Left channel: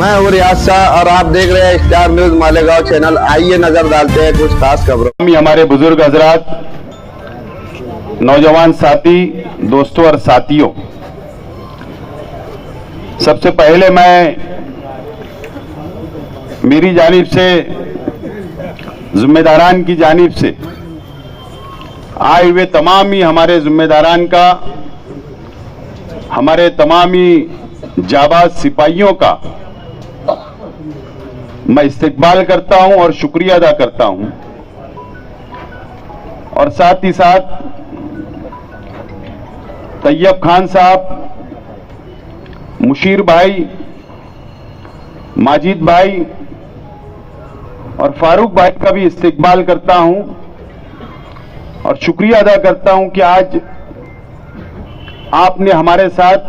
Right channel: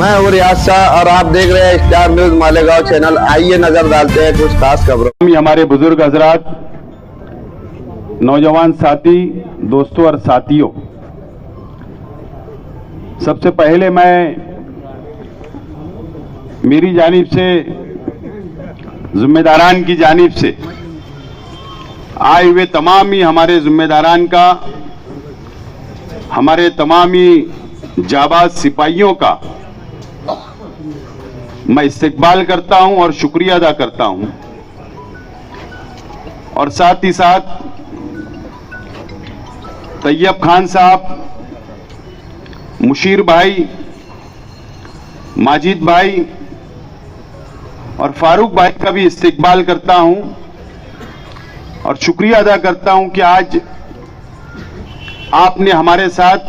मैं हूँ रियाज शाह और आप देख रहे हैं स्टार न्यूज मालेगांव चैनल। आइए नजर डालते हैं कुछ खास खबरों। हमारे बुजुर्ग हजरात, नौजवान साथी, दोस्तों और साथियों, सबसे पहले मैं मेरी जानिब से, जिम्मेदारान की जानिब से आए हुए तमाम ही हमारे जिम्मेदारान का, हमारे तमाम ही जाबाज सिपाहियों का मैं इस्तकबाल करता हूं और शुक्रिया अदा करता हूं। और साथ ही साथ तैयब खान साहब, मुशीर भाई, माजिद भाई और फारूक भाई का भी इस्तकबाल करता हूं और शुक्रिया अदा करता हूं कि आज आपने हमारे साथ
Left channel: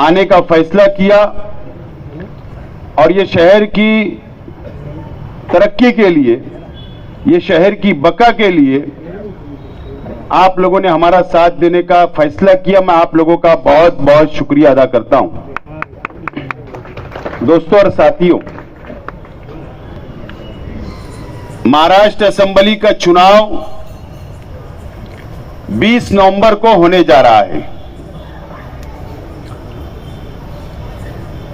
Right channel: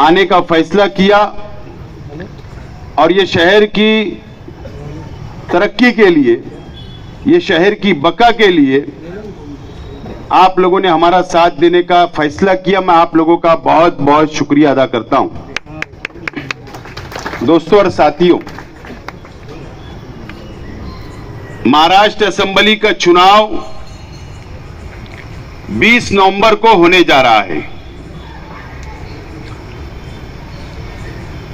आने का फैसला किया और ये शहर की तरक्की के लिए, ये शहर की बका के लिए आप लोगों ने हमारा साथ देने का फैसला किया। मैं आप लोगों का बहुत बहुत शुक्रिया अदा करता हूं। दोस्तों और साथियों, महाराष्ट्र असेंबली का चुनाव 20 नवंबर को होने जा रहा है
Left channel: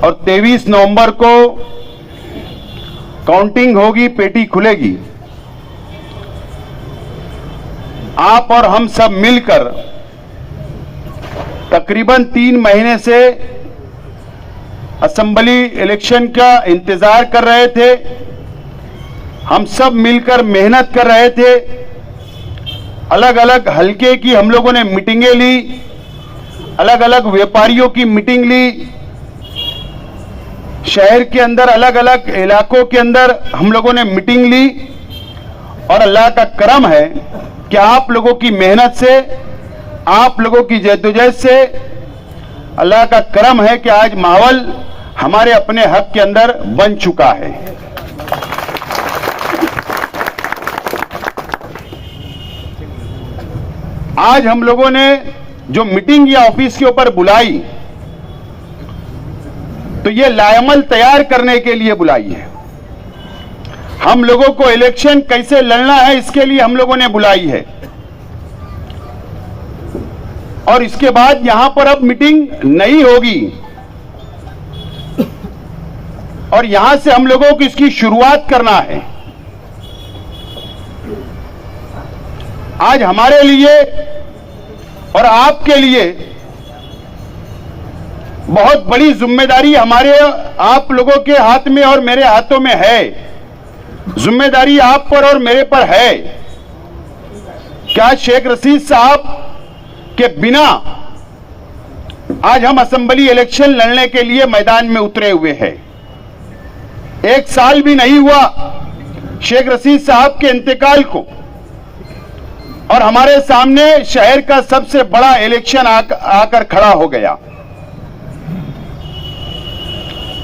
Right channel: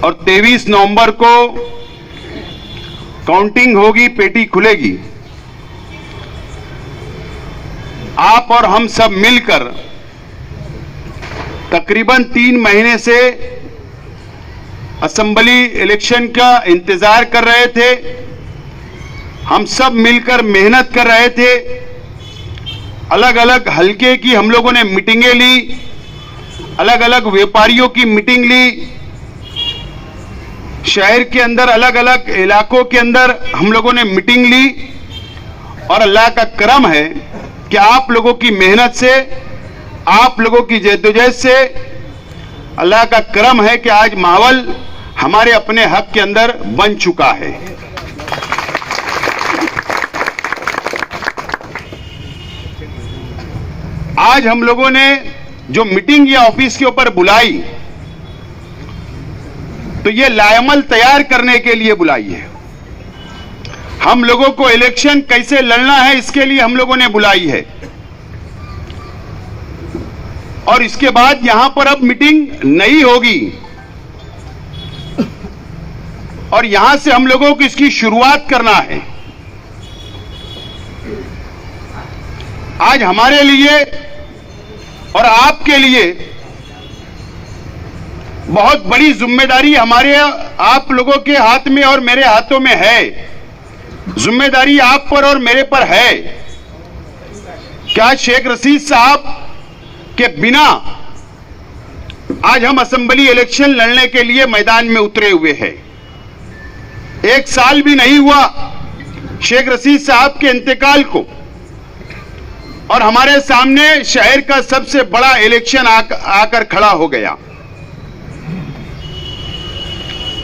और 23 नवंबर को काउंटिंग होगी, पेटी खुलेगी। आप और हम सब मिलकर तकरीबन 3 महीने से असेंबली इलेक्शन का इंतजार कर रहे थे। हम सब मिलकर मेहनत कर रहे थे। अलग अलग हलके की हम लोगों ने मीटिंगें ली, अलग अलग व्यापारियों की मीटिंग ली, शहर के अंदर अलग अलग इलाकों के अंदर हम लोगों ने मीटिंग ली। और अल्लाह का करम है कि आप लोगों की मेहनत से, आप लोगों की जद्दोजहद से अल्लाह का करम है कि आज माहौल हमारे अपने हक के अंदर बन चुका है। आज हम लोगों ने जो मीटिंग या ऑफिस के ऊपर बुलाई, तो ये लायमल तैयार करने के लिए बुलाई है। हम लोगों को इलेक्शन कैसे लड़ना है, इसके लिए हम लोगों ने बुलाई है। और इसके बाद यहां पर अब मीटिंग नहीं होगी और यहां से हम लोगों को इसकी शुरुआत करना है। आज हमारे लिए और आपके लिए बहुत बड़ी जिम्मेदारी हमारे, आप लोगों के हाथ में और मेरे हाथों में है। जिम्मेदारी आप पर और मेरे पर है। क्या शेख रशीद साहब के बिना आज हम असेंबली इलेक्शन लड़ने के लिए मैदान में उतरे हुए हैं। 1 साल भी नहीं हुआ शेख रशीद साहब के इंतकाल को और हमारे सामने शहर का सबसे बड़ा इलेक्शन आकर खड़ा हो गया।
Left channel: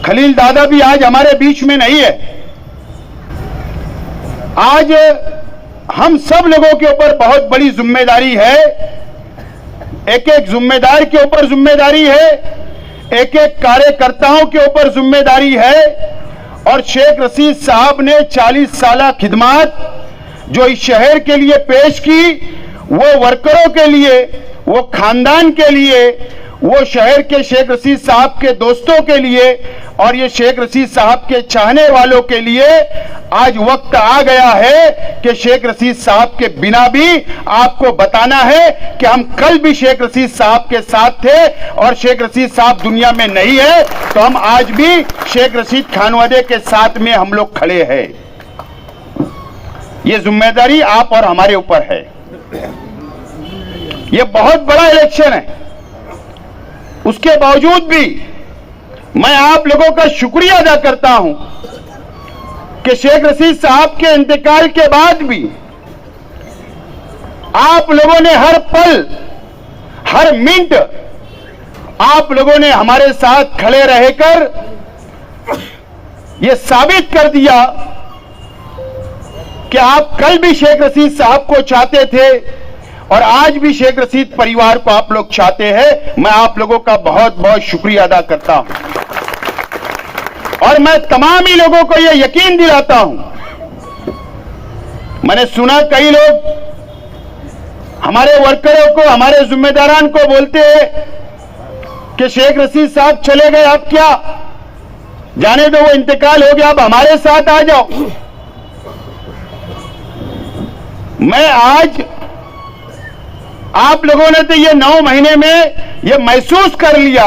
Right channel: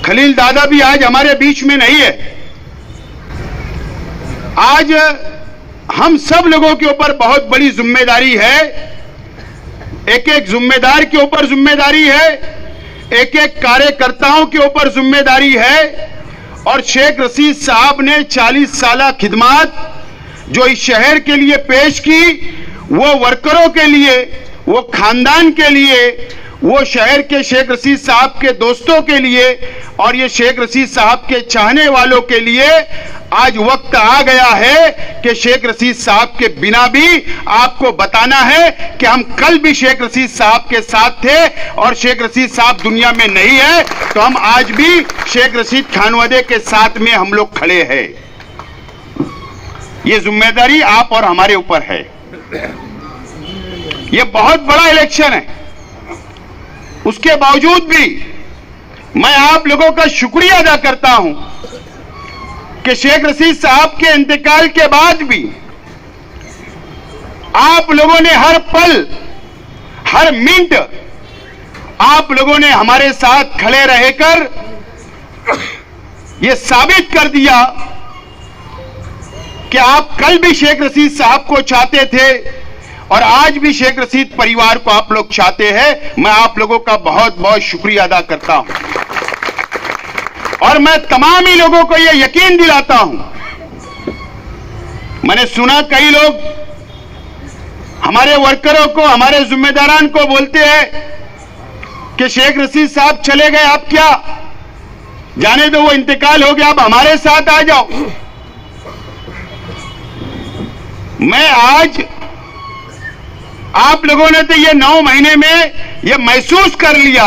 खलील दादा भी आज हमारे बीच में नहीं है। आज हम सब लोगों के ऊपर बहुत बड़ी जिम्मेदारी है। एक एक जिम्मेदार के ऊपर जिम्मेदारी है, एक एक कार्यकर्ताओं के ऊपर जिम्मेदारी है। और शेख रशीद साहब ने 40 साल खिदमत जो इस शहर के लिए पेश की, वो वर्करों के लिए, वो खानदान के लिए, वो शहर के शेख रशीद साहब के दोस्तों के लिए और ये शेख रशीद साहब के चाहने वालों के लिए आज वक्त आ गया है कि शेख रशीद साहब के बिना भी आपको बताना है कि हम कल भी शेख रशीद साहब के साथ थे और शेख रशीद साहब दुनिया में नहीं है, तो हम आज भी शेख रशीद खानवादे के साथ में हम लोग खड़े हैं। ये जिम्मेदारी आप और हमारे ऊपर है। ये बहुत बड़ा इलेक्शन है। उसके बावजूद भी मैं आप लोगों का शुक्रिया अदा करता हूं कि शेख रशीद साहब के इंतकाल के बाद भी आप लोगों ने हर पल, हर मिनट आप लोगों ने हमारे साथ खड़े रहकर यह साबित कर दिया कि आप कल भी शेख रशीद साहब को चाहते थे और आज भी शेख रशीद परिवार को आप लोग चाहते हैं। मैं आप लोगों का बहुत बहुत शुक्रिया अदा करता हूं। और मैं तमाम ही लोगों को यह यकीन दिलाता हूं, मैंने सुना कई लोग हमारे वर्करों को, हमारे जिम्मेदारान को बोलते हैं कि शेख रशीद साहब चले गए, अब क्या, जाने दो, वो इंतकाल हो गया, अब हमारे साथ आ जाओ। मैं आज, आप लोगों ने तो ये 9 महीने में ये महसूस कर लिया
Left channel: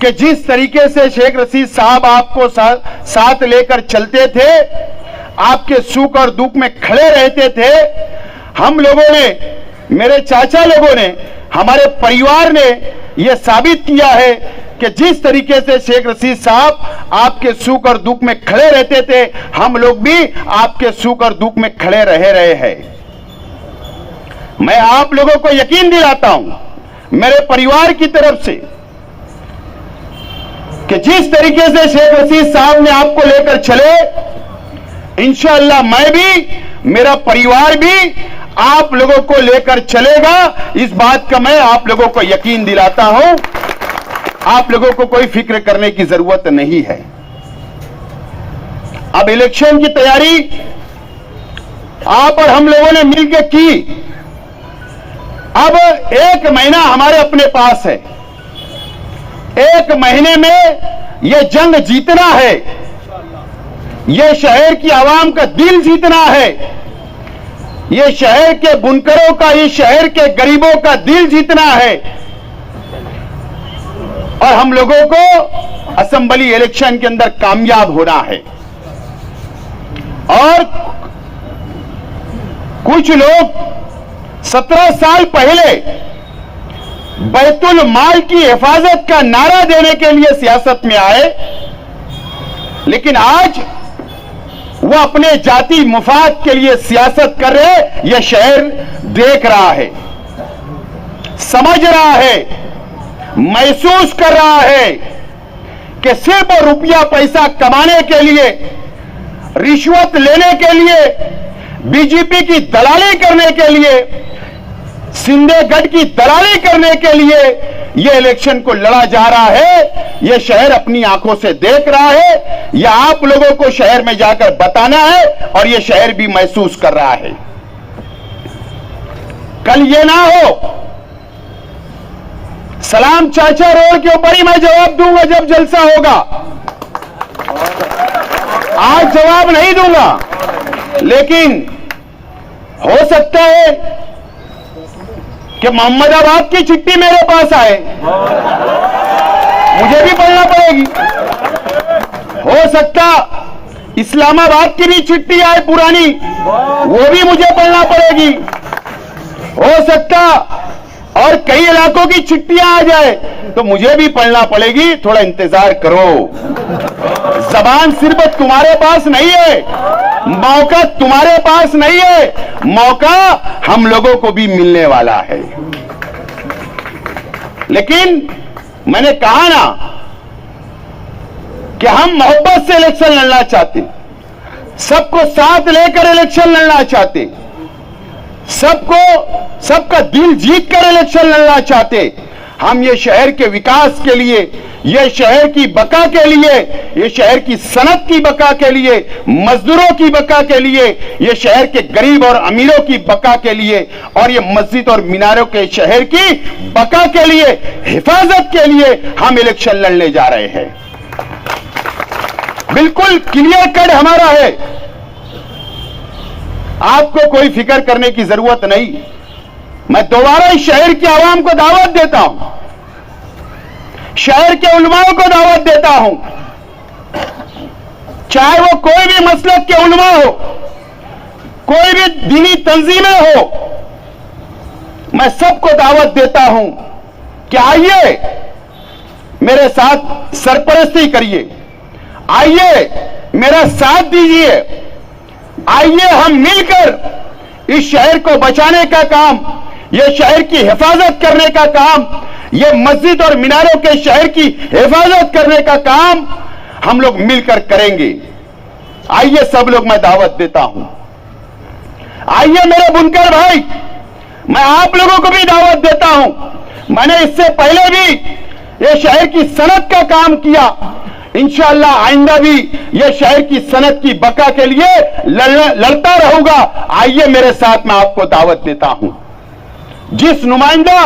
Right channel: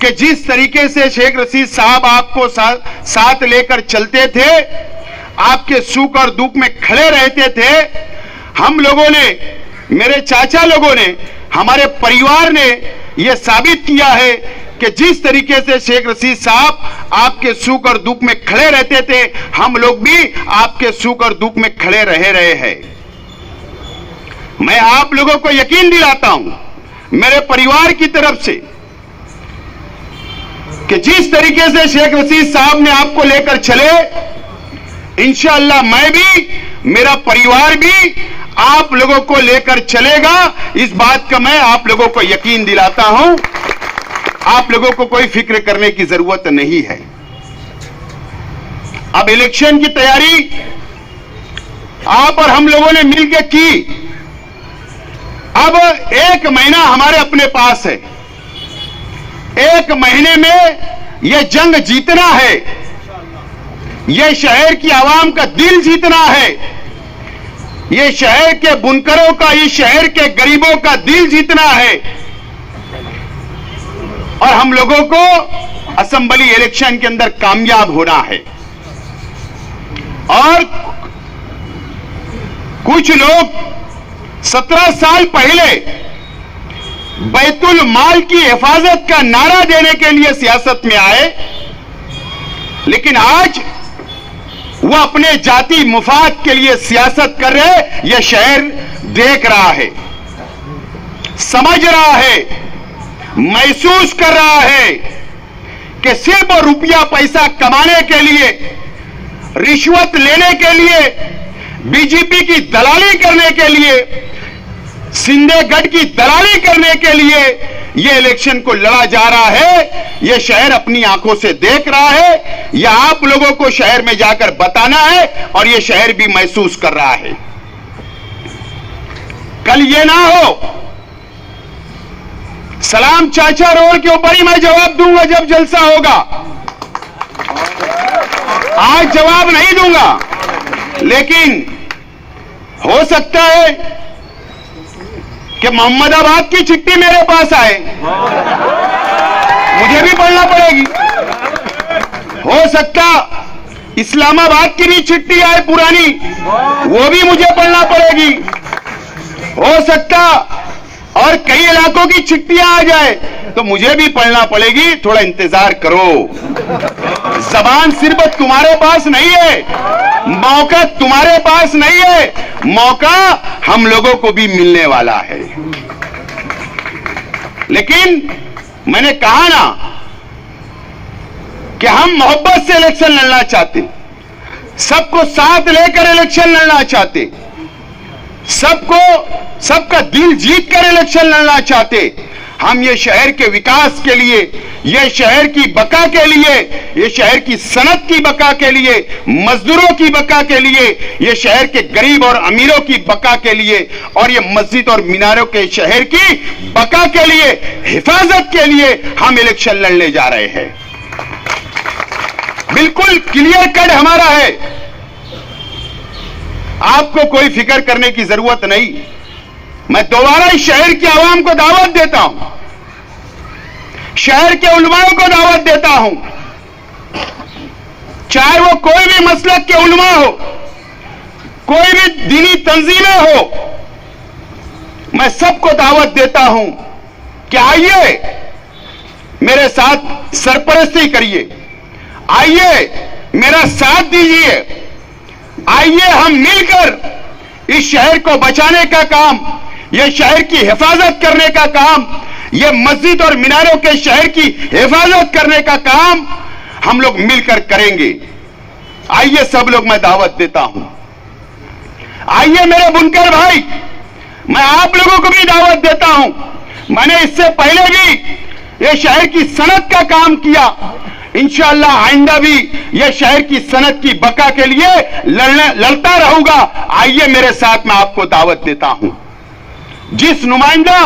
कि जिस तरीके से शेख रशीद साहब आपको साथ लेकर चलते थे, आपके सुख और दुख में खड़े रहते थे, हम लोगों ने, मेरे चाचा लोगों ने, हमारे परिवार ने यह साबित किया है कि जिस तरीके से शेख रशीद साहब आपके सुख और दुख में खड़े रहते थे, हम लोग भी आपके सुख और दुख में खड़े रहे हैं। मैं आप लोगों को यकीन दिलाता हूं मेरे परिवार की तरफ से कि जिस तरीके से शेख रशीद साहब ने आपको लेकर चले, इंशाअल्लाह मैं भी, मेरा परिवार भी आप लोगों को लेकर चलेगा। इस बात का मैं आप लोगों को यकीन दिलाता हूं। आप लोगों को कोई फिक्र करने की जरूरत नहीं है। अब इलेक्शन की तैयारी आप और हम लोगों ने मिलकर की। अब 1 महीना हमारे अपने पास है। 1 महीने में यह जंग जीतना है, यह शहर की आवाम का दिल जीतना है, यह शहर के बुनकरों का, ये शहर के गरीबों का दिल जीतना है। और हम लोगों को असेंबली इलेक्शन के अंदर कामयाब होना है। और कुछ लोग 17 साल पहले बैतुल माल की हिफाजत का नारा देने के लिए सियासत में आए, लेकिन आज वो अपने जाति मुफाद के लिए सियासत कर रहे। यह शहर देख रहा है, समझ रहा है, महसूस कर रहा है कि सिर्फ रुपया पैसा कमाने के लिए, रिश्वत लेने के लिए, बीजेपी की दलाली करने के लिए, शिंदे गढ़ की दलाली करने के लिए यह इलेक्शन को लड़ा जा रहा है। यह शहर अपनी आंखों से देख रहा है। यह आप लोगों को शहर में जाकर बताना है और यह शहर भी महसूस कर रहा है। कल यह ना हो सलाम चाचा रोड के ऊपर ही मैं जवाब दूंगा जब जलसा होगा। आज जवाब नहीं दूंगा, लेकिन हो सकता है कि मोहम्मदाबाद की चिट्ठी मेरे पास आए, मुझे भी पढ़ना पड़ेगी। हो सकता इस्लामाबाद की भी चिट्ठी आए पुरानी, वो भी मुझे पढ़ना पड़ेगी। हो सकता और कई इलाकों की चिट्ठियां आ जाए तो मुझे भी पढ़ना पड़ेगी। थोड़ा इंतजार करो। जबान सिर्फ तुम्हारे पास नहीं है, मौका तुम्हारे पास नहीं है, मौका हम लोगों को भी मिलने वाला है। लेकिन मैंने कहा ना कि हम मोहब्बत से इलेक्शन लड़ना चाहते, सबको साथ लेकर इलेक्शन लड़ना चाहते, सबका दिल जीत कर इलेक्शन लड़ना चाहते। हम ये शहर के विकास के लिए, ये शहर की बका के लिए, ये शहर की सनत की बका के लिए, मजदूरों की बका के लिए, ये शहर के गरीब और अमीरों की बका के लिए और ये मस्जिद और मीनारों के शहर की बका के लिए, हिफाजत के लिए हम इलेक्शन लड़ने जा रहे हैं। बिल्कुल क्लियर कट हमारा है। आपको कोई फिक्र करने की जरूरत नहीं। मैं दोबारा इस शहर की आवाम को दावत देता हूं, शहर के उलमाओं को दावत देता हूं, चाहे वो कोई भी मसलक के उलमा हो, कोई भी दीनी तंजीमें हो, मैं सबको दावत देता हूं कि आइए मेरे साथ सरपरस्ती करिए, आइए मेरा साथ दीजिए, आइए हम मिलकर इस शहर को बचाने का काम, यह शहर की हिफाजत करने का काम, यह मस्जिद और मीनारों के शहर की हिफाजत करने का काम हम लोग मिलकर करेंगे। आइए सब लोग, मैं दावत देता हूं। आइए मेरे बुनकर भाई, मैं आप लोगों को भी दावत देता हूं। मैंने इससे पहले भी यह शहर की सनत का काम किया, इंशाअल्लाह आइंदा भी ये शहर की सनत की बका के लिए लड़ता रहूंगा। आइए मेरे साथ, मैं आपको दावत देता हूं। जिस नुमाइंदा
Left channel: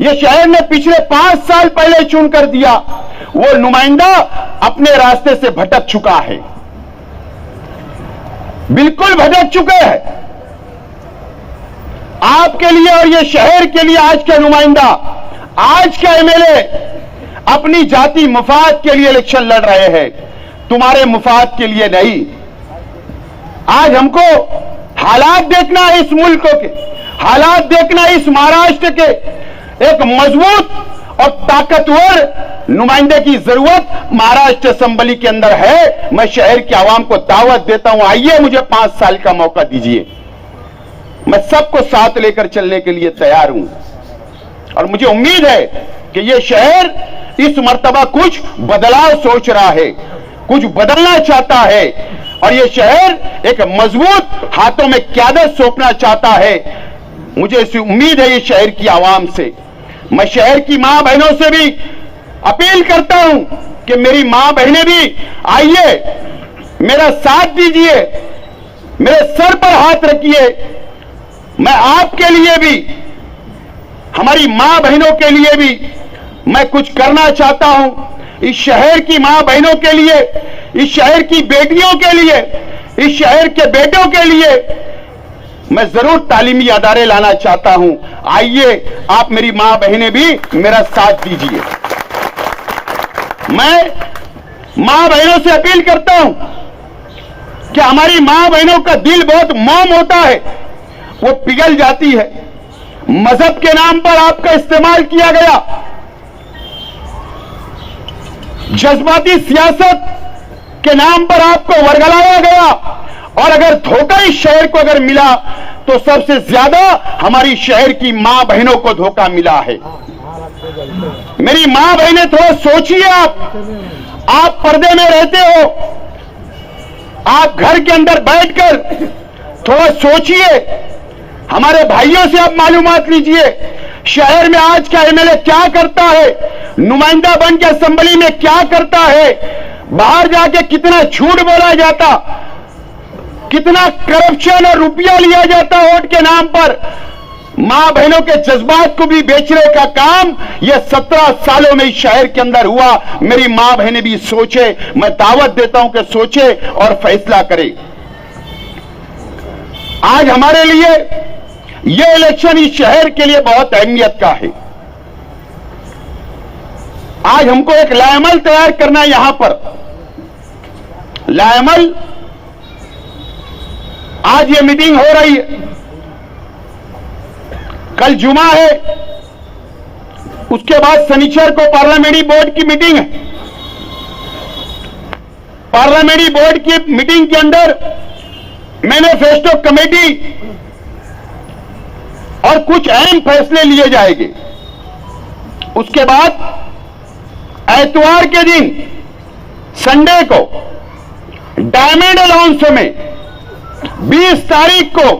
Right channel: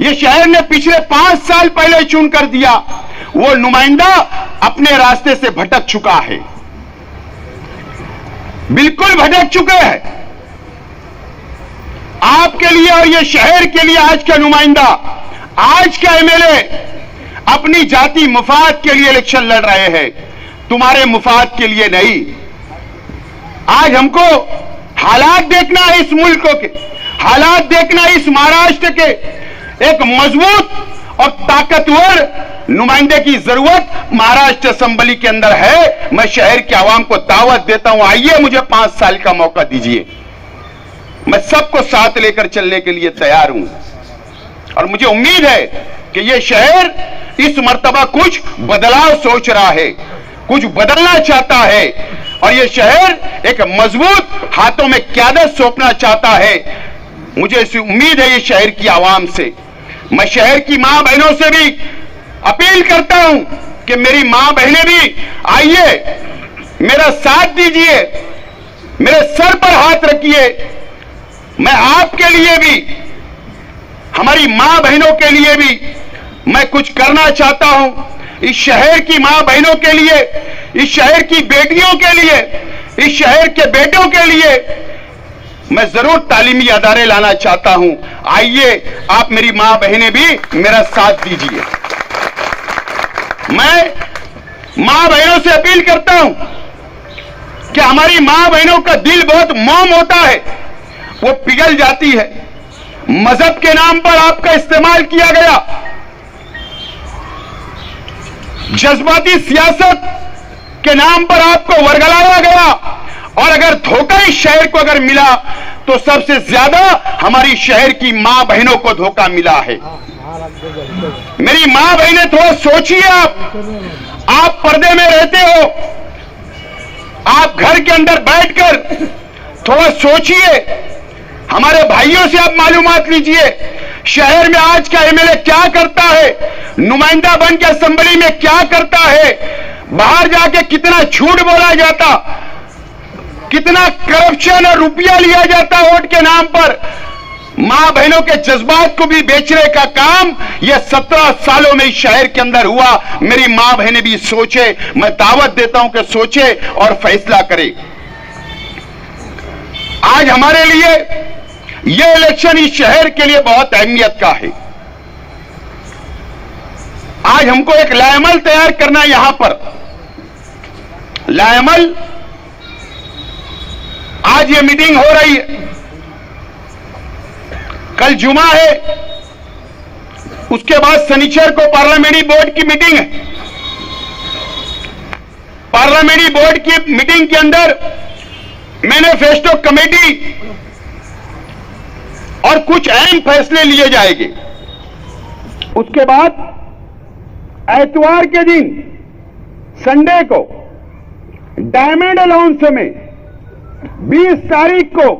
ये शहर ने पिछले 5 साल पहले चुन कर दिया, वो नुमाइंदा अपने रास्ते से भटक चुका है, बिल्कुल भटक चुके हैं। आपके लिए और ये शहर के लिए आज का नुमाइंदा, आज का एमएलए अपनी जाति मुफाद के लिए इलेक्शन लड़ रहे हैं, तुम्हारे मुफाद के लिए नहीं। आज हमको हालात देखना है, इस मुल्क के हालात देखना है, इस महाराष्ट्र के एक मजबूत और ताकतवर नुमाइंदे की जरूरत महाराष्ट्र असेंबली के अंदर है। मैं शहर के आवाम को दावत देता हूं, आइए मुझे 5 साल का मौका दीजिए। मैं सबको साथ लेकर चलने के लिए तैयार हूं और मुझे उम्मीद है कि यह शहर इस मर्तबा कुछ बदलाव सोच रहा है, कुछ बदलना चाहता है और यह शहर एक मजबूत हाथों में क़यादत सौंपना चाहता है। मुझे इस उम्मीद है ये शहर की आवाम से। मैं शहर की मां बहनों से भी अपील करता हूं कि मेरी मां बहनें भी आइए, मेरा साथ दीजिए, मेरे सर पर हाथ रखिए। मैं आपके लिए भी, हमारी मां बहनों के लिए भी मैं कुछ करना चाहता हूं। इस शहर की मां बहनों के लिए, इस शहर की बेटियों के लिए, इस शहर के बेटों के लिए मैं जरूर तालीमी अदारे लाना चाहता हूं। आइए आप मेरी मां बहनें भी मेरा साथ दीजिए। मैं मां बहनों से अपील करता हूं कि हमारी मां बहनों का दिल बहुत मोम होता है, वो पिघल जाती है। मजहब के नाम पर आपका इस्तेमाल किया गया, जज्बाती सियासत के नाम पर आपको वर्गलाया गया और अगर धोखा इस शहर को अगर मिला तो सबसे ज्यादा हमारी शहर की मां बहनों को धोखा मिला है। मेरी मां बहनें थोड़ा सोचिए, आप पर्दे में रहते हो, आप घर के अंदर बैठकर थोड़ा सोचिए, हमारे भाइयों से आप मालूमात लीजिए शहर में आज का एमएलए क्या करता है, नुमाइंदा बन के असेंबली में क्या करता है, बाहर जाके कितना झूठ बोला जाता, कितना करप्शन और रुपया लिया जाता वोट के नाम पर। मां बहनों के जज्बात को भी बेचने का काम यह 17 सालों में इस शहर के अंदर हुआ। मेरी मां बहनें भी सोचे, मैं दावत देता हूं कि सोचे और फैसला करें। आज हमारे लिए यह इलेक्शन इस शहर के लिए बहुत अहमियत का है। आज हमको एक लाएमल तैयार करना है। यहां पर लाएमल, आज ये मीटिंग हो रही है, कल जुमा है, उसके बाद शनिचर को पार्लियामेंट्री बोर्ड की मीटिंग है। पार्लियामेंट्री बोर्ड की मीटिंग के अंदर मैनिफेस्टो कमेटी और कुछ अहम फैसले लिए जाएंगे। उसके बाद एतवार के दिन, संडे को, डायमंड अलाउंस में 20 तारीख को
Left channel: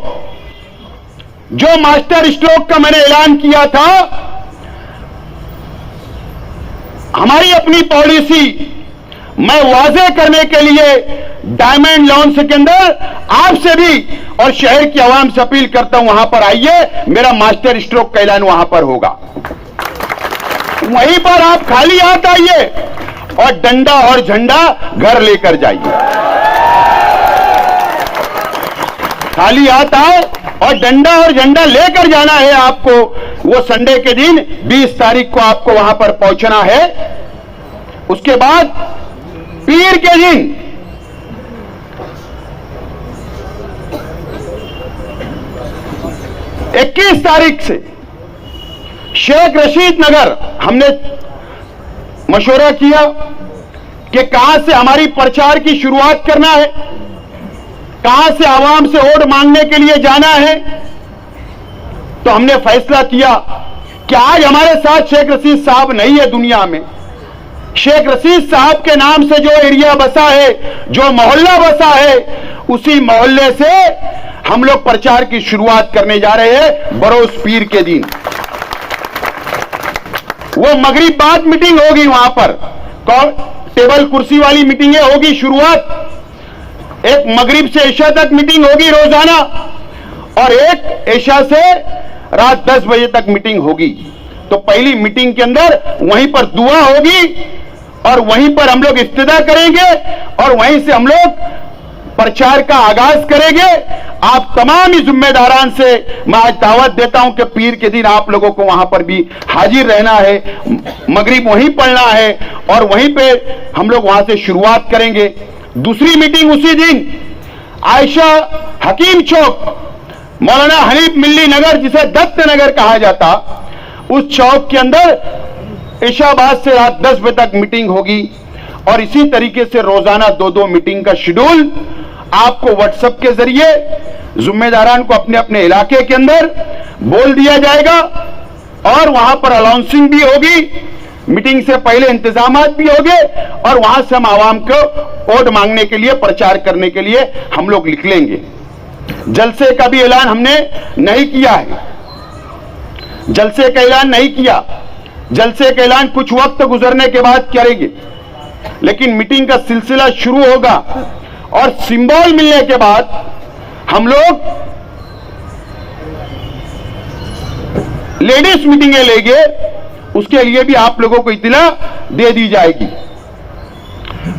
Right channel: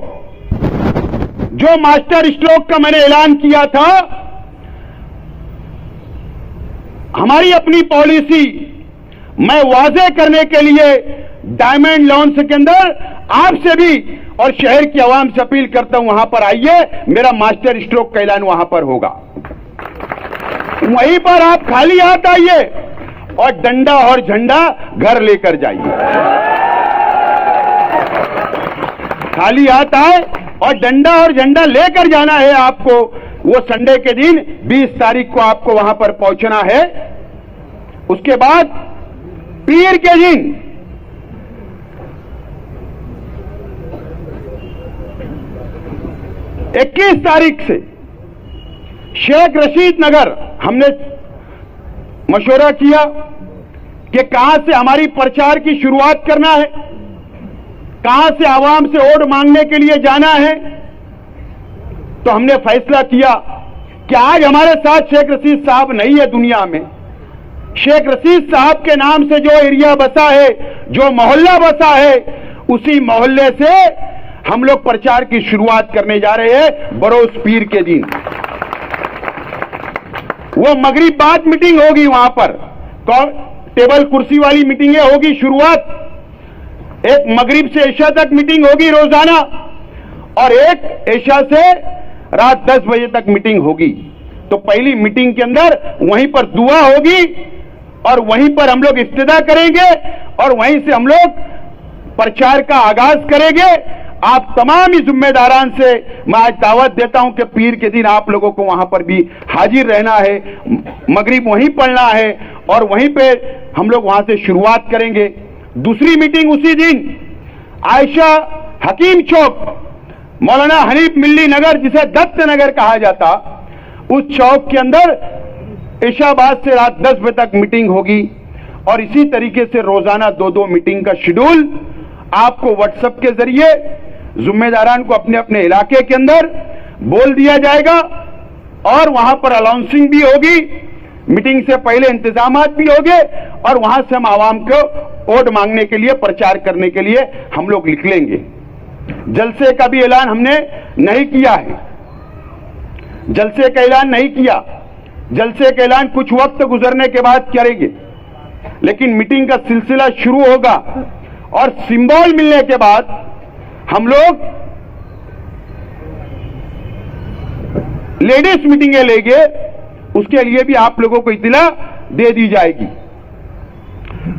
जो मास्टर स्ट्रोक का मैंने ऐलान किया था, हमारी अपनी पॉलिसी मैं वाजे करने के लिए डायमंड लॉन्च के अंदर आपसे भी और शहर की आवाम से अपील करता हूं, वहां पर आइए, मेरा मास्टर स्ट्रोक का ऐलान वहां पर होगा। वहीं पर आप खाली हाथ आइए और डंडा और झंडा घर लेकर जाइए। खाली हाथ आए और डंडा और झंडा लेकर जाना है आपको। वो संडे के दिन 20 तारीख को आपको वहां पर पहुंचना है। उसके बाद पीर के दिन 21 तारीख से शेख रशीद नगर हमने मशवरा किया कि कहां से हमारी प्रचार की शुरुआत करना है, कहां से आवाम से वोट मांगने के लिए जाना है। तो हमने फैसला किया कि आज हमारे साथ शेख रशीद साहब नहीं है दुनिया में। शेख रशीद साहब के नाम से जो एरिया बसा है, जो मोहल्ला बसा है, उसी मोहल्ले से हम लोग प्रचार की शुरुआत करने जा रहे हैं बरोज पीर के दिन। वो मगरिब बाद मीटिंग होगी वहां पर टेबल कुर्सी वाली मीटिंगें होगी शुरुआत, एक मगरिब से इशा तक मीटिंग होगी रोजाना, और एक इशा से रात 10 बजे तक मीटिंग होगी। तो पहली मीटिंग के अंदर वहीं पर दुआ होगी और वहीं पर हम लोग इफ्तिदा करेंगे और वहीं से हम लोग प्रचार का आगाज करेंगे। आप तमाम ही जिम्मेदारान से मैं आज दावत देता हूं कि पीर के दिन आप लोगों को वहां पर भी हाजिर रहना है, मगरिब वहीं पढ़ना है और वहीं पे हम लोग वहां से शुरुआत करेंगे। दूसरी मीटिंग उसी दिन आयशा हकीम चौक, मौलाना हनीफ मिल्ली नगर जिसे दत्त नगर कहा जाता, उस चौक के अंदर इशाबाद से रात 10 बजे तक मीटिंग होगी। और इसी तरीके से रोजाना 2-2 मीटिंग का शेड्यूल आपको व्हाट्सएप के जरिए जिम्मेदारान को अपने अपने इलाके के अंदर बोल दिया जाएगा और वहां पर अनाउंसिंग भी होगी, मीटिंग से पहले इंतजामात भी होंगे और वहां से हम आवाम को वोट मांगने के लिए, प्रचार करने के लिए हम लोग निकलेंगे। जलसे का भी ऐलान हमने नहीं किया है, जलसे का ऐलान नहीं किया, जलसे का ऐलान कुछ वक्त गुजरने के बाद करेंगे, लेकिन मीटिंग का सिलसिला शुरू होगा और सिंबल मिलने के बाद हम लोग लेडीज मीटिंगें लेंगे, उसके लिए भी आप लोगों को इत्तला दे दी जाएगी।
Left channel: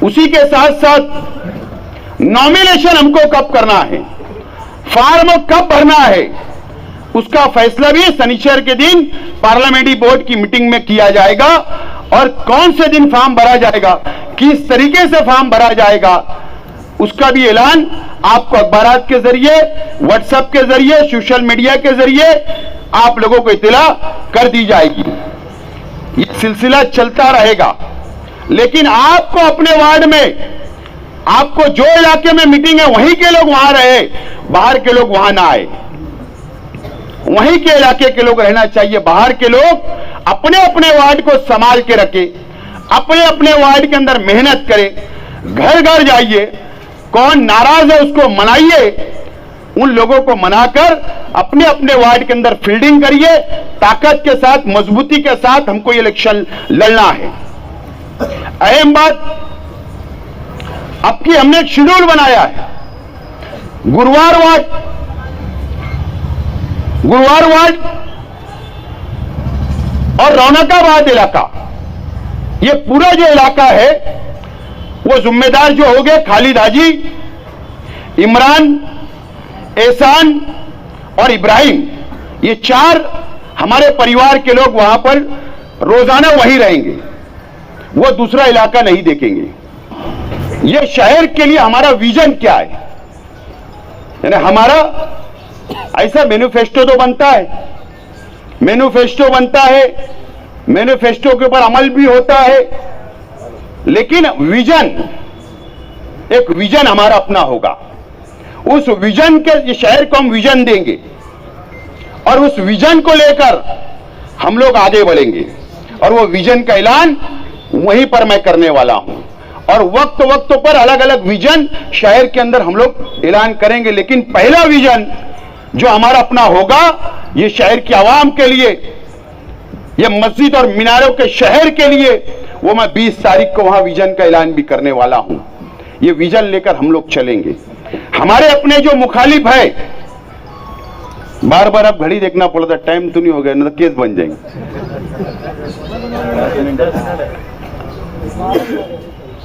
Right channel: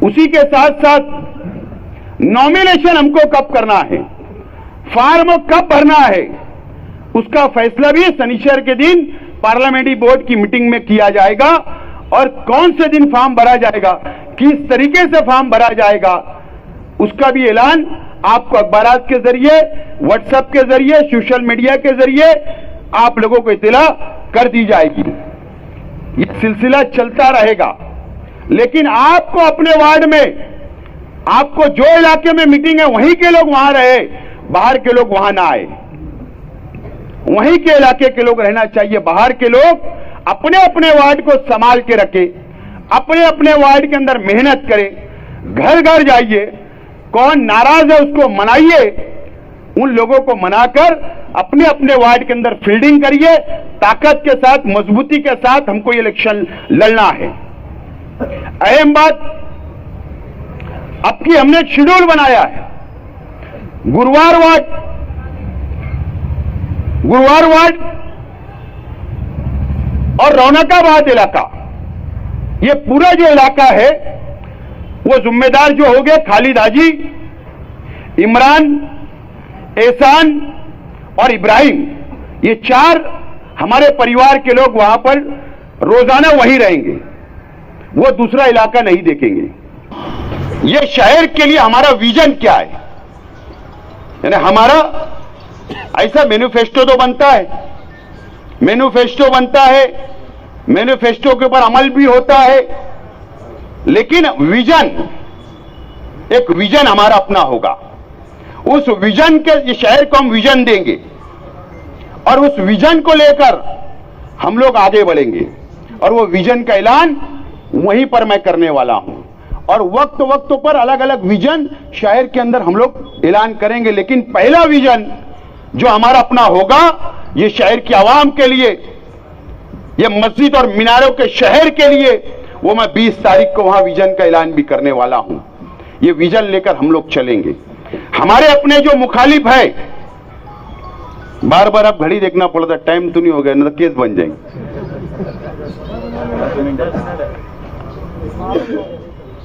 उसी के साथ साथ नॉमिनेशन हमको कब करना है, फॉर्म कब भरना है, उसका फैसला भी शनिवार के दिन पार्लियामेंट्री बोर्ड की मीटिंग में किया जाएगा और कौन से दिन फॉर्म भरा जाएगा, किस तरीके से फॉर्म भरा जाएगा, उसका भी ऐलान आपको अखबारात के जरिए, व्हाट्सएप के जरिए, सोशल मीडिया के जरिए आप लोगों को इत्तला कर दी जाएगी। ये सिलसिला चलता रहेगा, लेकिन आपको अपने वार्ड में, आपको जो इलाके में मीटिंग है वहीं के लोग वहां रहे, बाहर के लोग वहां ना आए। वहीं के इलाके के लोग रहना चाहिए, बाहर के लोग अपने अपने वार्ड को संभाल के रखे, अपने अपने वार्ड के अंदर मेहनत करें, घर घर जाइए, कौन नाराज है उसको मनाइए, उन लोगों को मनाकर अपने अपने वार्ड के अंदर फील्डिंग करिए, ताकत के साथ, मजबूती के साथ हमको ये इलेक्शन लड़ना है। अहम बात, अब की हमने एक शेड्यूल बनाया है, गुरुवार वार्ड और रौनकाबाद इलाका, ये पूरा जो इलाका है वो जिम्मेदार जो हो गए खालिद हाजी, इमरान, एहसान और इब्राहिम, ये 4 हमारे परिवार के लोग वहां पर रोजाना वहीं रहेंगे, वो दूसरा इलाका नहीं देखेंगे। ये शहर के लिए हमारा विजन क्या है, यानी हमारा ऐसा मैनिफेस्टो तो बनता है, मैनिफेस्टो बनता है, मैनिफेस्टो के ऊपर अमल भी होता है, लेकिन विजन, एक विजन हमारा अपना होगा। उस विजन के, ये शहर को हम विजन देंगे और उस विजन को लेकर हम लोग आगे बढ़ेंगे और वो विजन का ऐलान वहीं पर मैं करने वाला हूं और वक्त पर अलग अलग विजन शहर के अंदर हम लोग ऐलान करेंगे। लेकिन पहला विजन जो हमारा अपना होगा, ये शहर की आवाम के लिए, ये मस्जिद और मीनारों के शहर के लिए, वो मैं 20 तारीख को वहां विजन का ऐलान भी करने वाला हूं। ये विजन लेकर हम लोग चलेंगे। हमारे अपने जो मुखालिफ है, बार बार अब घड़ी देखना पड़ता, टाइम तो नहीं हो गया, ना तो केस बन जाएंगे।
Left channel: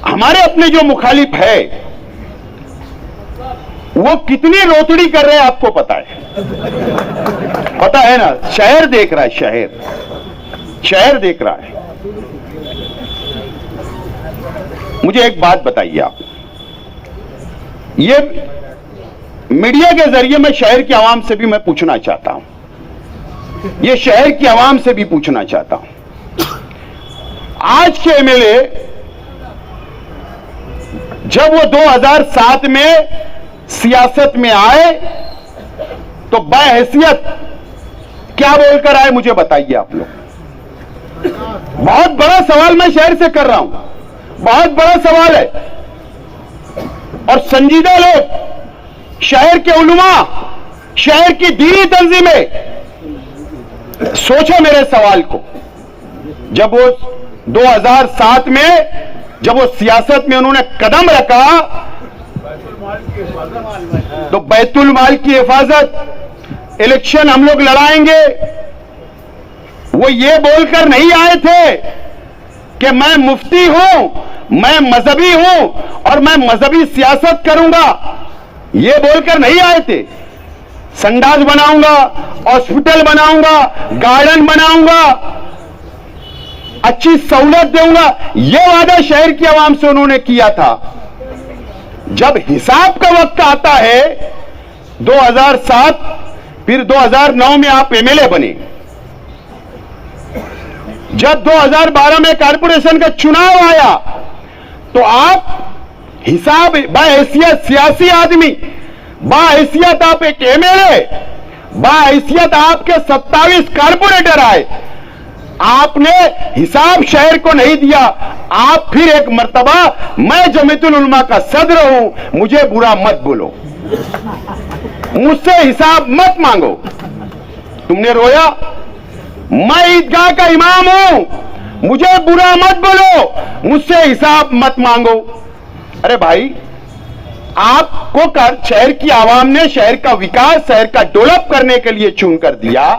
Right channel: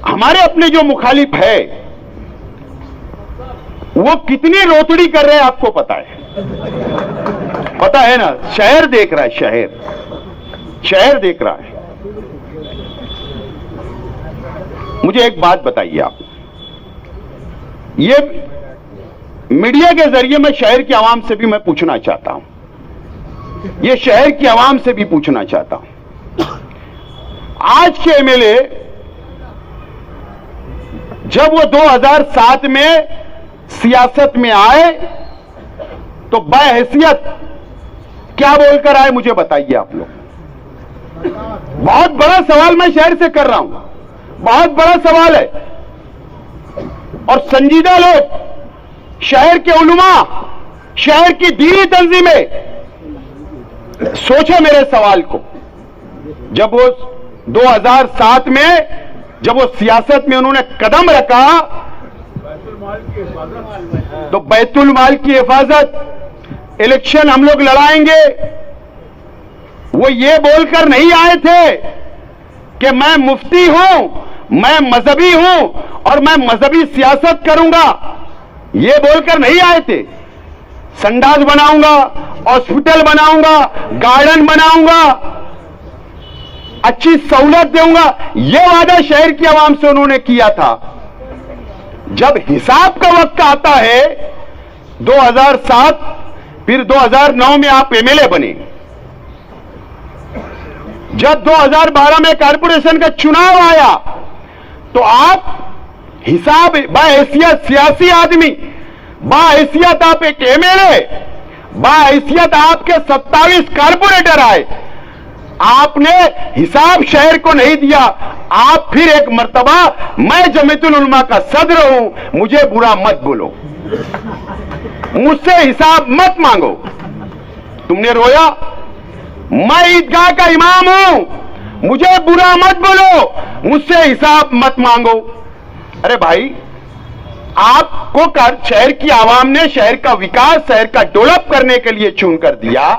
हमारे अपने जो मुखालिफ है वो कितनी रोतड़ी कर रहे हैं आपको पता है, पता है ना, शहर देख रहा है, शहर देख रहा है। मुझे एक बात बताइए आप, ये मीडिया के जरिए मैं शहर की आवाम से भी मैं पूछना चाहता हूं, ये शहर की आवाम से भी पूछना चाहता हूं, आज के एमएलए जब वो 2007 में सियासत में आए तो बाहैसियत क्या बोलकर आए, मुझे बताइए आप लोग। बहुत बड़ा सवाल मैं शहर से कर रहा हूं, बहुत बड़ा सवाल है और संजीदा लोग, शहर के उलमा, शहर की दीनी तंजीमें, सोचो मेरे सवाल को। जब वो 2007 में जब वो सियासत में उन्होंने कदम रखा तो बैतुल माल की हिफाजत, इलेक्शन हम लोग लड़ाएंगे, वो ये बोलकर नहीं आए थे कि मैं मुफ्ती हूं, मैं मजहबी हूं और मैं मजहबी सियासत करूंगा, ये बोलकर नहीं आए थे। संडास बनाऊंगा, हॉस्पिटल बनाऊंगा, गार्डन बनाऊंगा, अच्छी सहूलत दूंगा, यह वादा शहर की आवाम से उन्होंने किया था। जब हिसाब का वक्त आता है 2007 फिर 2009 में आप एमएलए बने, जब 2012 में कारपोरेशन का चुनाव आया तो आप हिसाब बाहैसियत सियासी आदमी, बाहैसियत आप एक एमएलए, बाहैसियत आपके 27 कारपोरेटर आए, आपने हिसाब शहर को नहीं दिया। आप फिर एक मर्तबा, मैं जमीयतुल उलमा का सदर हूं, मुझे बुरा मत बोलो, मुझसे हिसाब मत मांगो। तुमने रोया, मैं ईदगाह का इमाम हूं, मुझे बुरा मत बोलो, मुझसे हिसाब मत मांगो। अरे भाई, आपको शहर की आवाम ने शहर का विकास, शहर का डेवलप करने के लिए चुन कर दिया,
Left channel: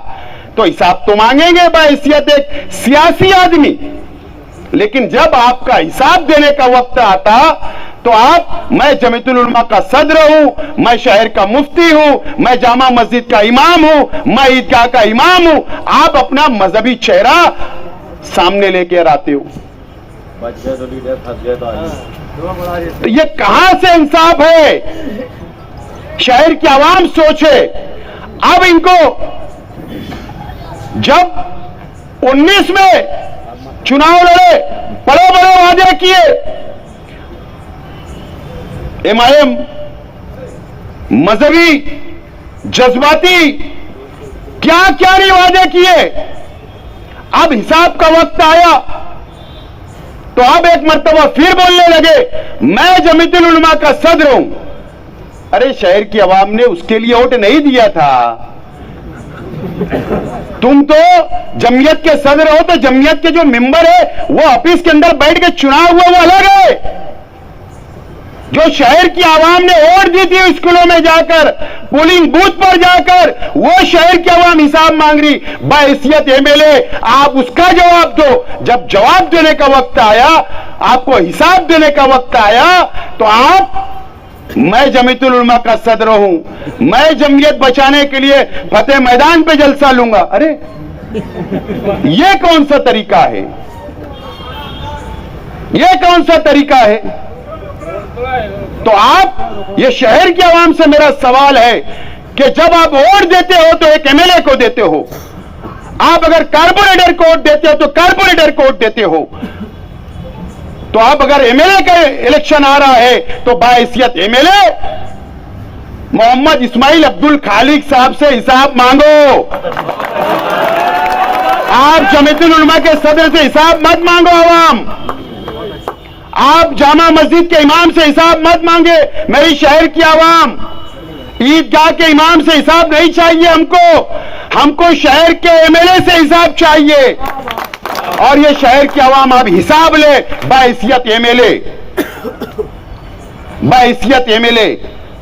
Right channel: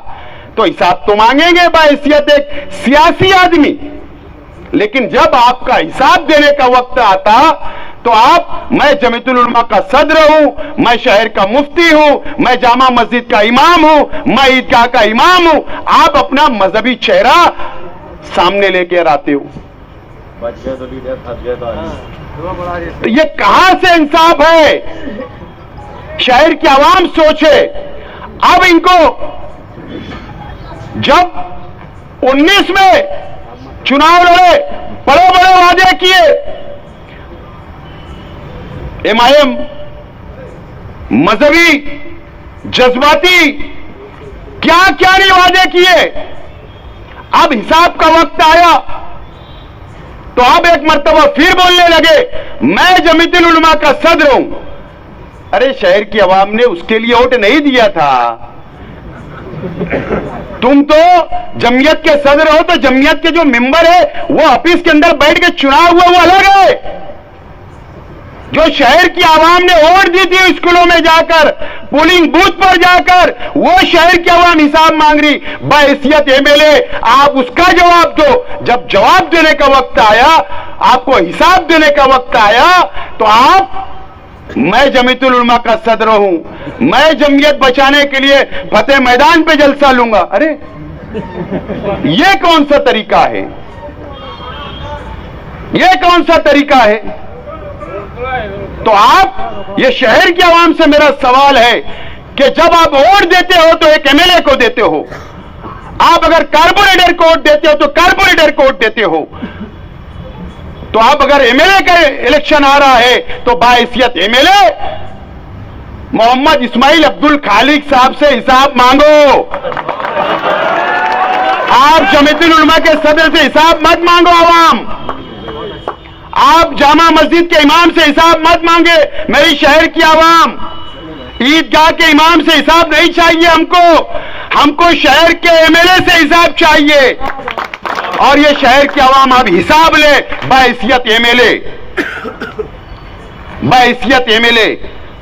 तो हिसाब तो मांगेंगे बाहैसियत एक सियासी आदमी। लेकिन जब आपका हिसाब देने का वक्त आता तो आप, मैं जमीयतुल उलमा का सदर हूं, मैं शहर का मुफ्ती हूं, मैं जामा मस्जिद का इमाम हूं, मैं ईदगाह का इमाम हूं, आप अपना मजहबी चेहरा सामने लेकर आते हो। तो ये कहां से इंसाफ है? शहर की आवाम सोचे। अब इनको जब 19 में चुनाव लड़े, बड़े बड़े वादे किए, एमआईएम मजहबी जज्बाती क्या क्या नहीं वादे किए। अब हिसाब का वक्त आया तो अब एक मर्तबा फिर बोलने लगे, मैं जमीयतुल उलमा का सदर हूं। अरे शहर की आवाम ने उसके लिए वोट नहीं दिया था। तुम तो जमीयत के सदर हो, तो जमीयत के जो मेंबर है वो ऑफिस के अंदर बैठ के चुनाव हुआ वो अलग है। जो शहर की आवाम ने वोट दी थी स्कूलों में जाकर, पोलिंग बूथ पर जाकर, वो शहर की आवाम हिसाब मांग रही। बाहैसियत एमएलए आप उसका जवाब दो। जब जवाब देने का वक्त आया, आपको हिसाब देने का वक्त आया, तो आप, मैं जमीयतुल उलमा का सदर हूं, मैं जमीयत बचाने के लिए फतेह मैदान पे जलसा लूंगा। अरे ये कौन सा तरीका है? ये कौन सा तरीका है? तो आप, ये शहर की आवाम से मेरा सवाल है कि जब आप वोट देते हो तो एक एमएलए को देते हो, आप अगर कारपोरेटर को वोट देते हो तो कारपोरेटर को वोट देते हो, तो आप अगर एमएलए का इलेक्शन आ रहा है तो बाहैसियत एमएलए मोहम्मद इस्माइल अब्दुल खालिक साहब से हिसाब मांगो। आप जमीयतुल उलमा के सदर से हिसाब मत मांगो। आवाम, आप जामा मस्जिद के इमाम से हिसाब मत मांगे। मेरी शहर की आवाम, ईदगाह के इमाम से हिसाब नहीं चाहिए हमको शहर के एमएलए से हिसाब चाहिए। और ये शहर की आवाम अब हिसाब ले बाहैसियत एमएलए, बाहैसियत एमएलए।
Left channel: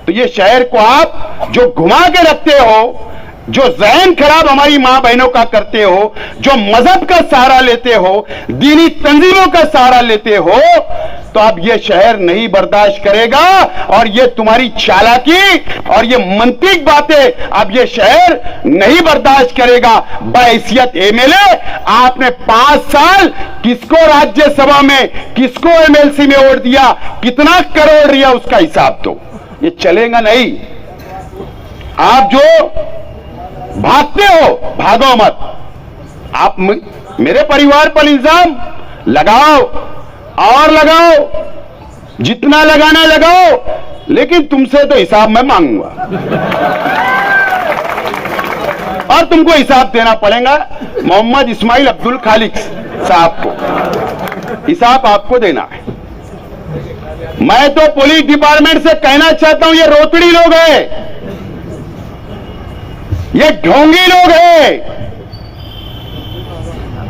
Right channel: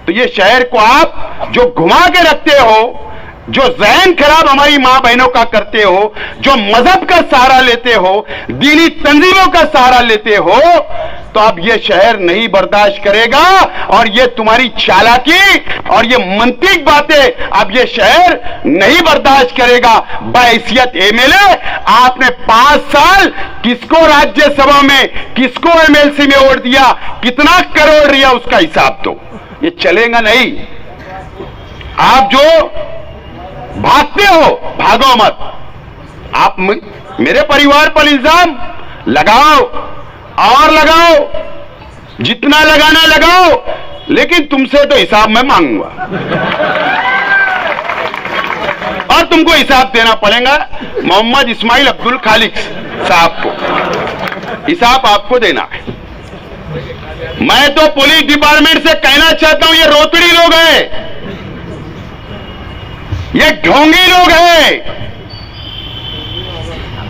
तो ये शहर को आप जो घुमा के रखते हो, जो ज़हन खराब हमारी मां बहनों का करते हो, जो मजहब का सहारा लेते हो, दीनी तंजीमों का सहारा लेते हो, तो अब ये शहर नहीं बर्दाश्त करेगा। और ये तुम्हारी चालाकी और ये मंतिक बातें अब ये शहर नहीं बर्दाश्त करेगा। बाहैसियत एमएलए आपने 5 साल किसको राज्यसभा में, किसको एमएलसी में वोट दिया, कितना करोड़ दिया, उसका हिसाब दो। ये चलेगा नहीं। आप जो भागते हो, भागो मत। आप मेरे परिवार पर इल्जाम लगाओ और लगाओ, जितना लगाना लगाओ, लेकिन तुमसे तो हिसाब मैं मांगूंगा और तुमको हिसाब देना पड़ेगा। मोहम्मद इस्माइल अब्दुल खालिक साहब को हिसाब आपको देना है। मैं तो पुलिस डिपार्टमेंट से कहना चाहता हूं, ये रोतड़ी लोग हैं, ये ढोंगी लोग हैं।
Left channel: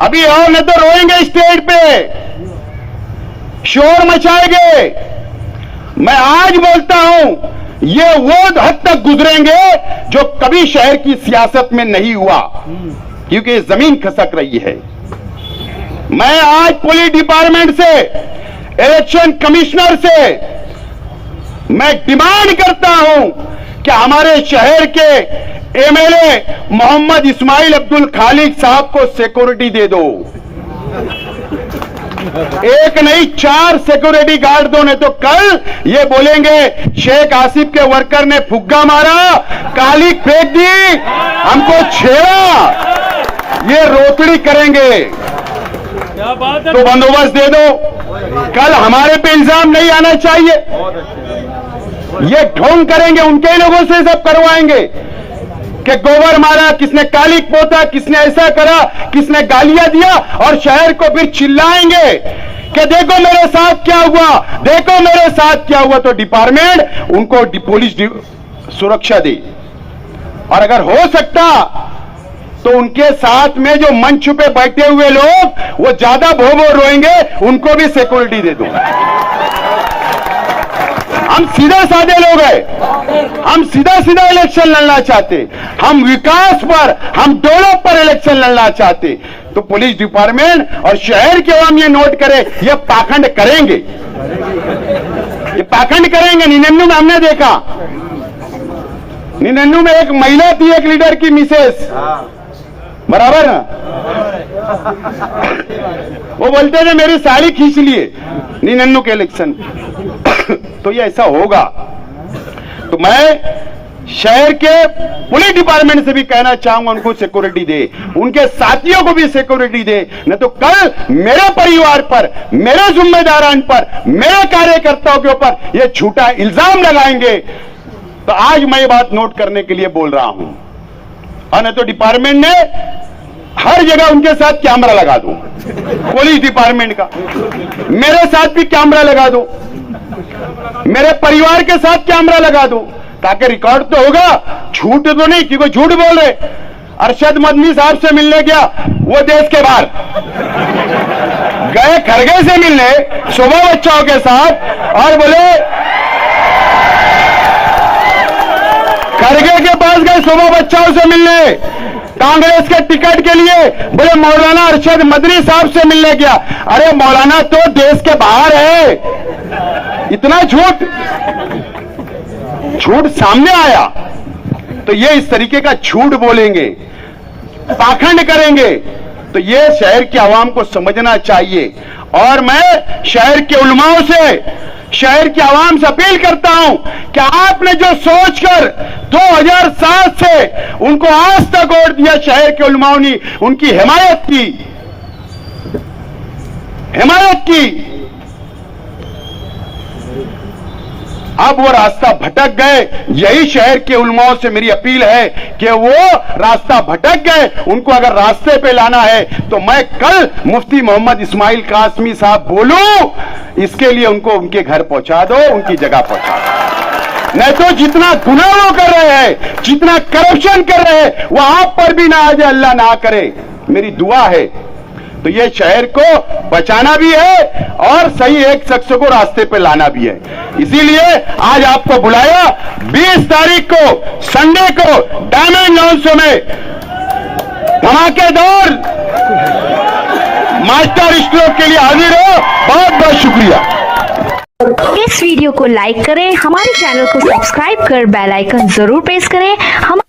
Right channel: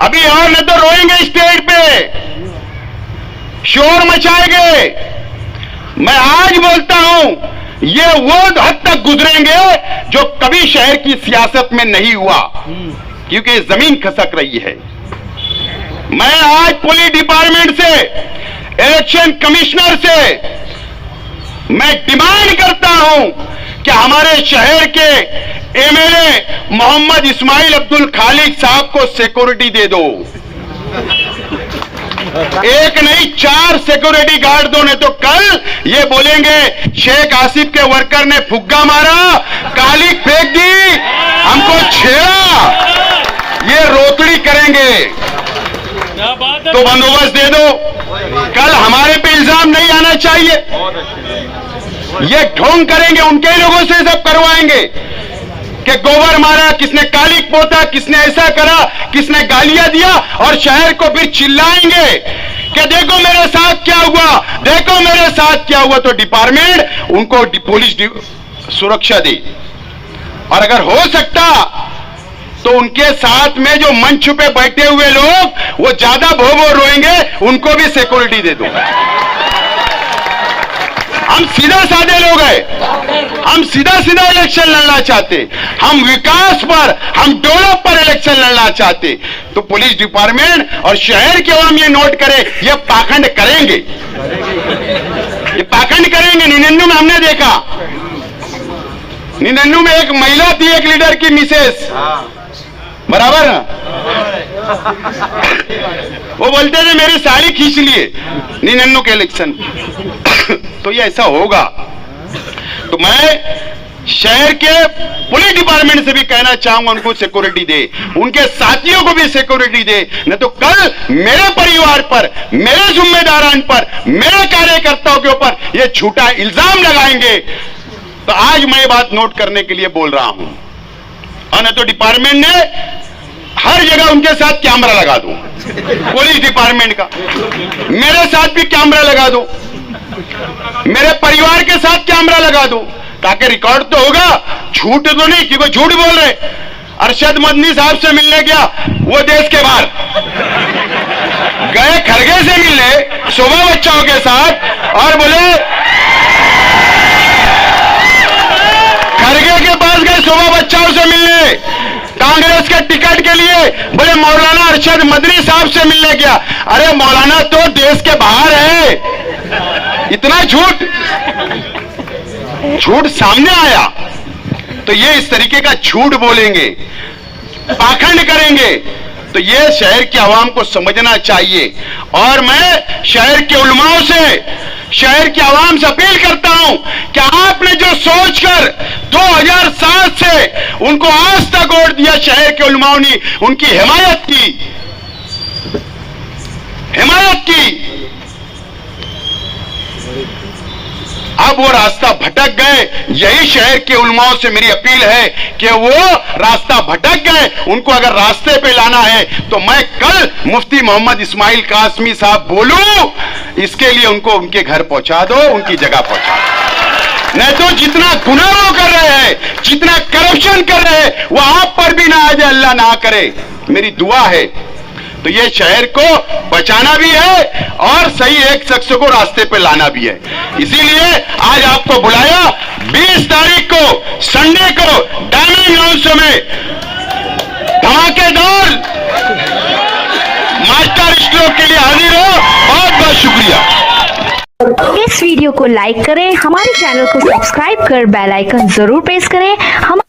अभी और न तो रोएंगे स्टेज पे, शोर मचाएंगे। मैं आज बोलता हूं, ये वो हद तक गुजरेंगे जो कभी शहर की सियासत में नहीं हुआ, क्योंकि जमीन खसक रही है। मैं आज पुलिस डिपार्टमेंट से, इलेक्शन कमिश्नर से मैं डिमांड करता हूं कि हमारे शहर के एमएलए मोहम्मद इस्माइल अब्दुल खालिक साहब को सिक्योरिटी दे दो। एक नहीं 4 सिक्योरिटी गार्ड दो, नहीं तो कल ये बोलेंगे शेख आसिफ के वर्कर ने फुग्गा मारा, कालिक फेंक दी, हमको छेड़ा, ये रोतड़ी करेंगे। तो बंदोबस्त दे दो। कल हमारे पे इल्जाम नहीं आना चाहिए। ये ढोंग करेंगे, उनके लोगों से सब करवाएंगे कि गोबर मारा, किसने कालिक पोता, किसने ऐसा करा, किसने गालियां दिया, और शहर को फिर चिल्लाएंगे कि देखो मेरे साथ क्या हुआ, देखो मेरे साथ क्या हुआ। तो डिपार्टमेंट उनको पुलिस सुरक्षा दे, और अगर हो सकता तो उनके साथ में जो मंच पे बैठे हुए लोग वो ज्यादा भो रोएंगे, उनको भी सिक्योरिटी दे दो। हम सीधा साधे लोग हैं, हम सीधा सीधा इलेक्शन लड़ना चाहते, हम विकास पर, हम डेवलप पर इलेक्शन लड़ना चाहते। तो पुलिस डिपार्टमेंट और शहर के हम ये नोट करें, ये पाखंड करेंगे, ये पाखंड करेंगे। निन्नू में हमने देखा, निन्नू में एक महिला थी, एक लीडर की मिसेस, बराबर ना, वो बोलते थे मेरी साड़ी खींच लिए निन्नू के इलेक्शन। तो ये ऐसा होगा। तो मैं शहर के पुलिस डिपार्टमेंट से भी कहना चाहूंगा, उनको सिक्योरिटी दे, उनके साथियों को भी सिक्योरिटी दे, नहीं तो कल मेरे परिवार पर, मेरे जिम्मेदारान पर, मेरे कार्यकर्ताओं के ऊपर ये झूठा इल्जाम लगाएंगे। तो आज मैं ये बात नोट करने के लिए बोल रहा हूं। और नहीं तो डिपार्टमेंट ने हर जगह उनके साथ कैमरा लगा दो, पुलिस डिपार्टमेंट का, मेरे साथ भी कैमरा लगा दो, मेरे परिवार के साथ कैमरा लगा दो, ताकि रिकॉर्ड तो होगा, झूठ तो नहीं, क्योंकि झूठ बोल रहे। अरशद मदनी साहब से मिलने गया, वो देश के बाहर गए, खरगे से मिलने सुबह बच्चों के साथ, और बोले खरगे के पास गए सुबह बच्चों से मिलने, कांग्रेस के टिकट के लिए, बोले मौलाना अरशद मदनी साहब से मिलने गया। अरे मौलाना तो देश के बाहर है। इतना झूठ सामने आया। तो ये इस तरीके का झूठ बोलेंगे, पाखंड करेंगे, तो ये शहर के आवाम को समझना चाहिए। और मैं शहर के उलमाओं से, शहर के आवाम से अपील करता हूं कि आपने जो सोचकर 2007 से उनको आज तक वोट दिया, शहर के उलमाओं ने उनकी हिमायत की, अब वो रास्ता भटक गए। यही शहर के उलमाओं से मेरी अपील है कि वो रास्ता भटक गए, उनको अगर रास्ते पे लाना है तो मैं कल मुफ्ती मोहम्मद इस्माइल कासमी साहब बोलूं, इसके लिए उनको उनके घर पहुंचा दो, उनकी जगह पहुंचा दो। नहीं तो जितना गुनाह वो कर रहे हैं, जितना करप्शन कर रहे हैं, वो आप पर भी ना आ जाए, अल्लाह ना करे, मेरी दुआ है। तो ये शहर को बचाना भी है और सही एक शख्स को रास्ते पे लाना भी है। इसीलिए आज आपको बुलाया, 20 तारीख को संडे को डायमंड लॉन्च में धमाकेदार मास्टर स्ट्रोक के लिए हाजिर हो। बहुत बहुत शुक्रिया। इस वीडियो को लाइक करें, हमारे चैनल को सब्सक्राइब कर बेल आइकन जरूर प्रेस करें। हम